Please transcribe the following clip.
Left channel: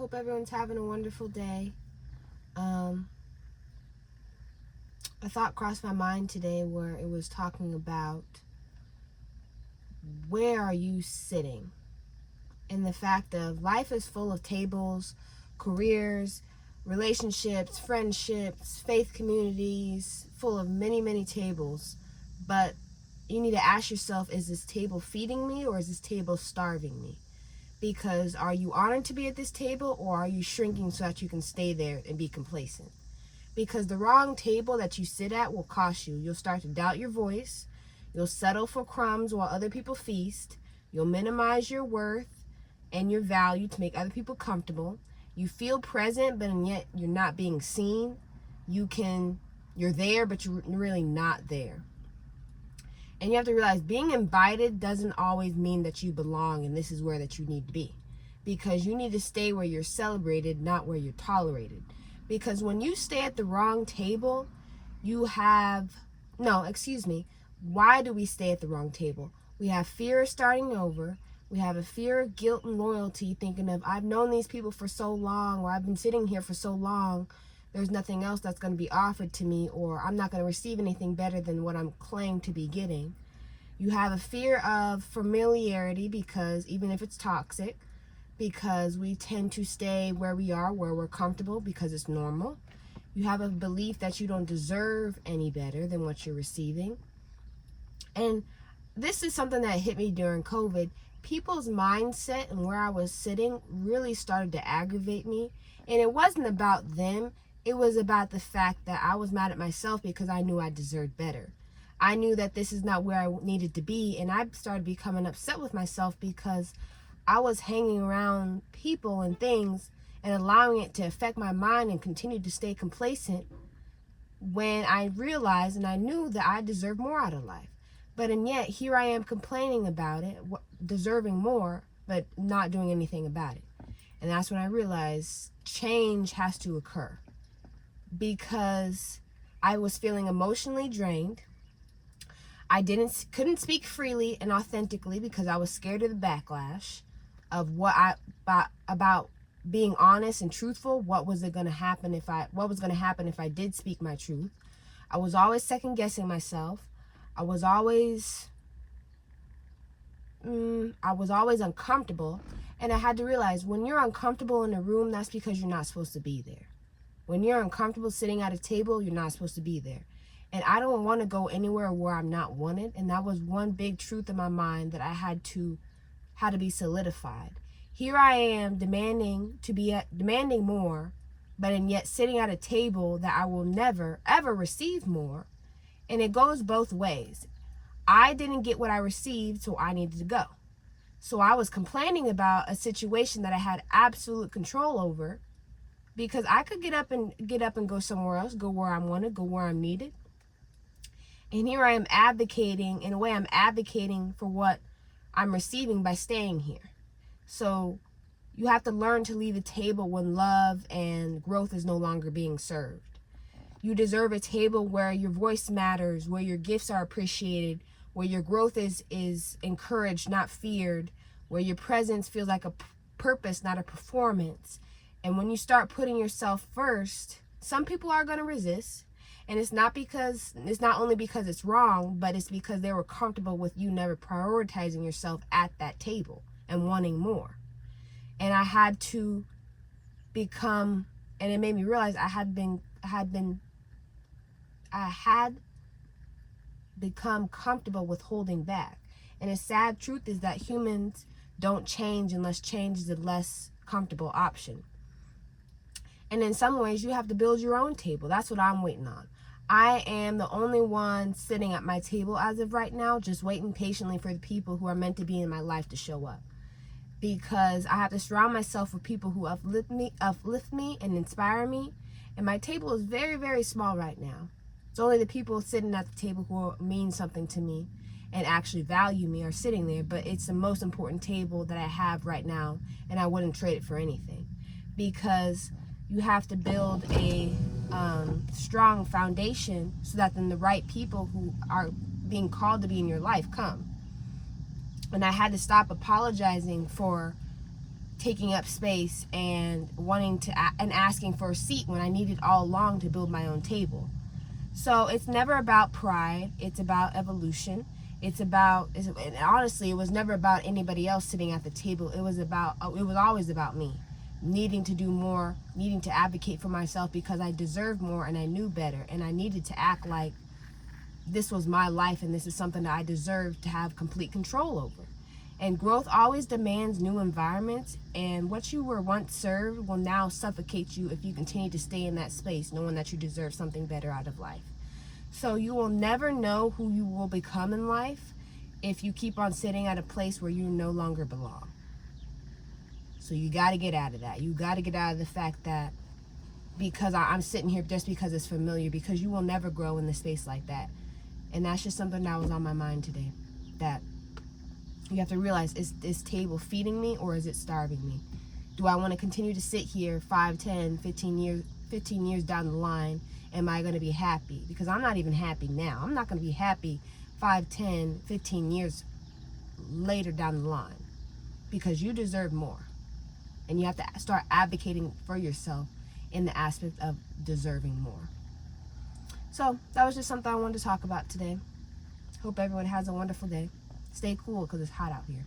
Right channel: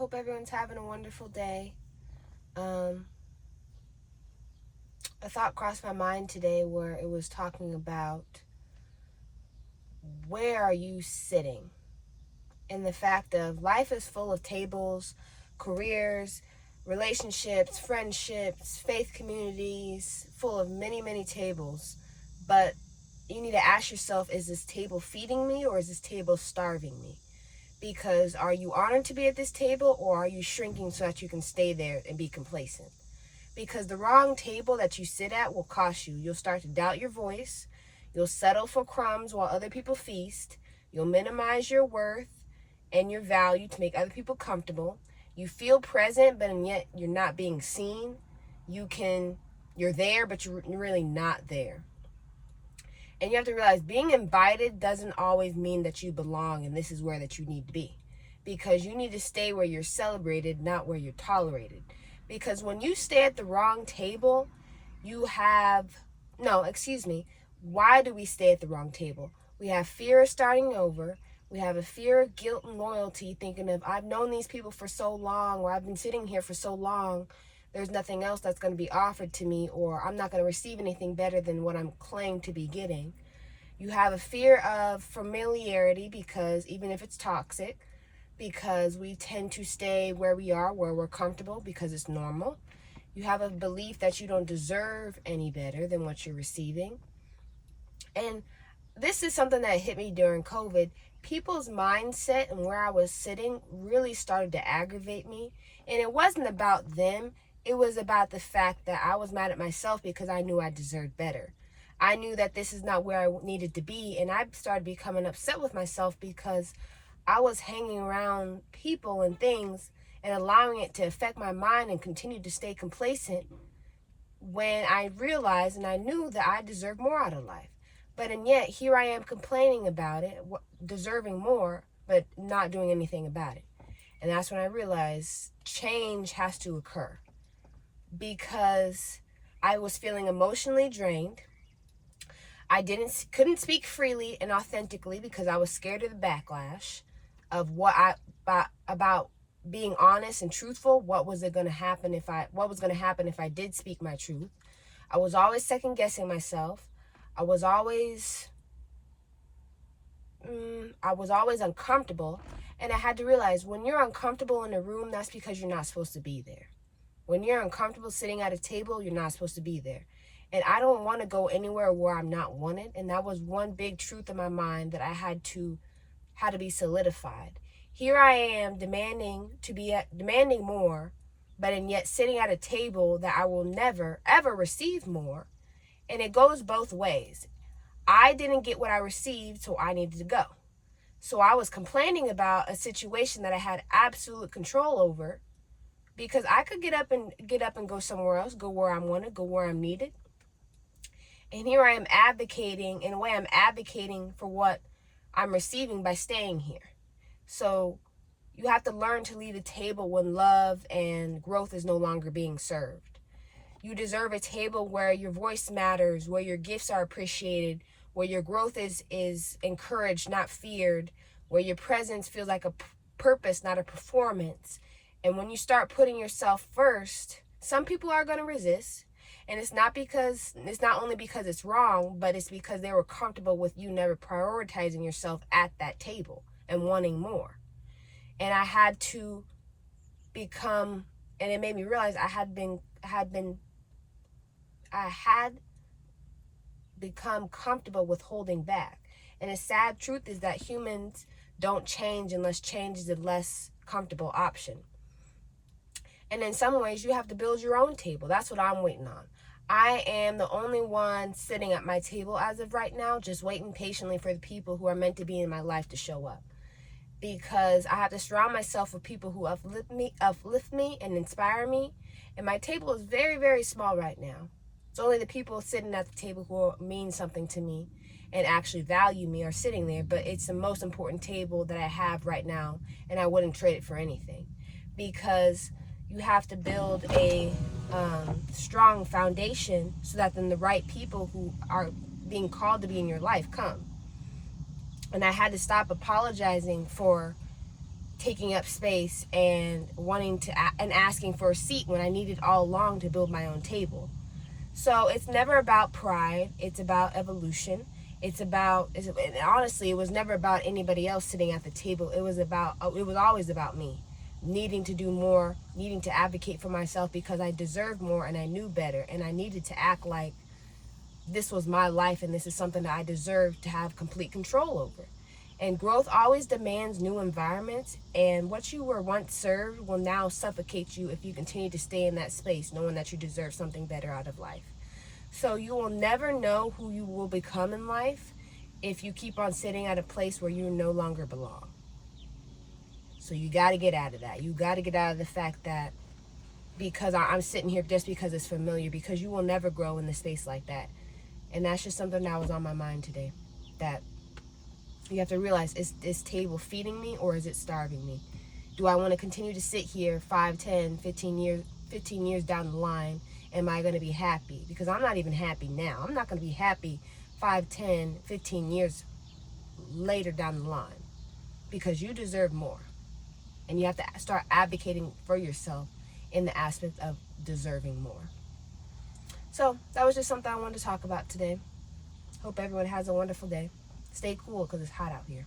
hope everyone's having a wonderful day. A thought crossed my mind today where it was talking about where are you sitting? And the fact of life is full of tables, careers, relationships, friendships, faith communities, full of many, many tables. But you need to ask yourself, is this table feeding me or is this table starving me? Because are you honored to be at this table, or are you shrinking so that you can stay there and be complacent? Because the wrong table that you sit at will cost you. You'll start to doubt your voice. You'll settle for crumbs while other people feast. You'll minimize your worth and your value to make other people comfortable. You feel present, but yet you're not being seen. You're there, but you're really not there. And you have to realize being invited doesn't always mean that you belong and this is where that you need to be. Because you need to stay where you're celebrated, not where you're tolerated. Because when you stay at the wrong table, why do we stay at the wrong table? We have fear of starting over. We have a fear of guilt and loyalty, thinking of, I've known these people for so long, or I've been sitting here for so long, there's nothing else that's going to be offered to me, or I'm not going to receive anything better than what I'm claimed to be getting. You have a fear of familiarity, because even if it's toxic, because we tend to stay where we are, where we're comfortable, because it's normal. You have a belief that you don't deserve any better than what you're receiving. And this is something that hit me during COVID. People's mindset and where I was sitting really started to aggravate me. And it wasn't about them. It was about the fact that I was mad at myself because I knew I deserved better. I knew that this is not where I needed to be. And I started becoming upset with myself because I was hanging around people and things and allowing it to affect my mind and continue to stay complacent, when I realized and I knew that I deserved more out of life. But and yet here I am complaining about it, deserving more, but not doing anything about it. And that's when I realized change has to occur, because I was feeling emotionally drained. I couldn't speak freely and authentically because I was scared of the backlash of about being honest and truthful. What was going to happen if I did speak my truth? I was always second guessing myself. I was always uncomfortable, and I had to realize, when you're uncomfortable in a room, that's because you're not supposed to be there. When you're uncomfortable sitting at a table, you're not supposed to be there. And I don't want to go anywhere where I'm not wanted. And that was one big truth in my mind that I had to be solidified. Here I am demanding more, but and yet sitting at a table that I will never ever receive more. And it goes both ways. I didn't get what I received, so I needed to go. So I was complaining about a situation that I had absolute control over, because I could get up and go somewhere else, go where I'm wanted, go where I'm needed. And here I am advocating, in a way I'm advocating for what I'm receiving by staying here. So you have to learn to leave the table when love and growth is no longer being served. You deserve a table where your voice matters, where your gifts are appreciated, where your growth is encouraged, not feared, where your presence feels like a purpose, not a performance. And when you start putting yourself first, some people are going to resist. And it's not only because it's wrong, but it's because they were comfortable with you never prioritizing yourself at that table and wanting more. And I had to become, and it made me realize I had become comfortable with holding back. And a sad truth is that humans don't change unless change is a less comfortable option. And in some ways, you have to build your own table. That's what I'm waiting on. I am the only one sitting at my table as of right now, just waiting patiently for the people who are meant to be in my life to show up. Because I have to surround myself with people who uplift me and inspire me. And my table is very, very small right now. It's only the people sitting at the table who mean something to me and actually value me are sitting there. But it's the most important table that I have right now, and I wouldn't trade it for anything. Because you have to build a strong foundation so that then the right people who are being called to be in your life come. And I had to stop apologizing for taking up space and wanting to and asking for a seat when I needed all along to build my own table. So it's never about pride. It's about evolution. And honestly, it was never about anybody else sitting at the table. It was always about me needing to do more, needing to advocate for myself because I deserved more and I knew better, and I needed to act like this was my life and this is something that I deserved to have complete control over. And growth always demands new environments, and what you were once served will now suffocate you if you continue to stay in that space knowing that you deserve something better out of life. So you will never know who you will become in life if you keep on sitting at a place where you no longer belong. So you got to get out of that. You got to get out of the fact that because I'm sitting here just because it's familiar, because you will never grow in a space like that. And that's just something that was on my mind today, that you have to realize, is this table feeding me or is it starving me? Do I want to continue to sit here 5, 10, 15 years down the line? Am I going to be happy? Because I'm not even happy now. I'm not going to be happy 5, 10, 15 years later down the line, because you deserve more. And you have to start advocating for yourself in the aspect of deserving more. So that was just something I wanted to talk about today. Hope everyone has a wonderful day. Stay cool because it's hot out here.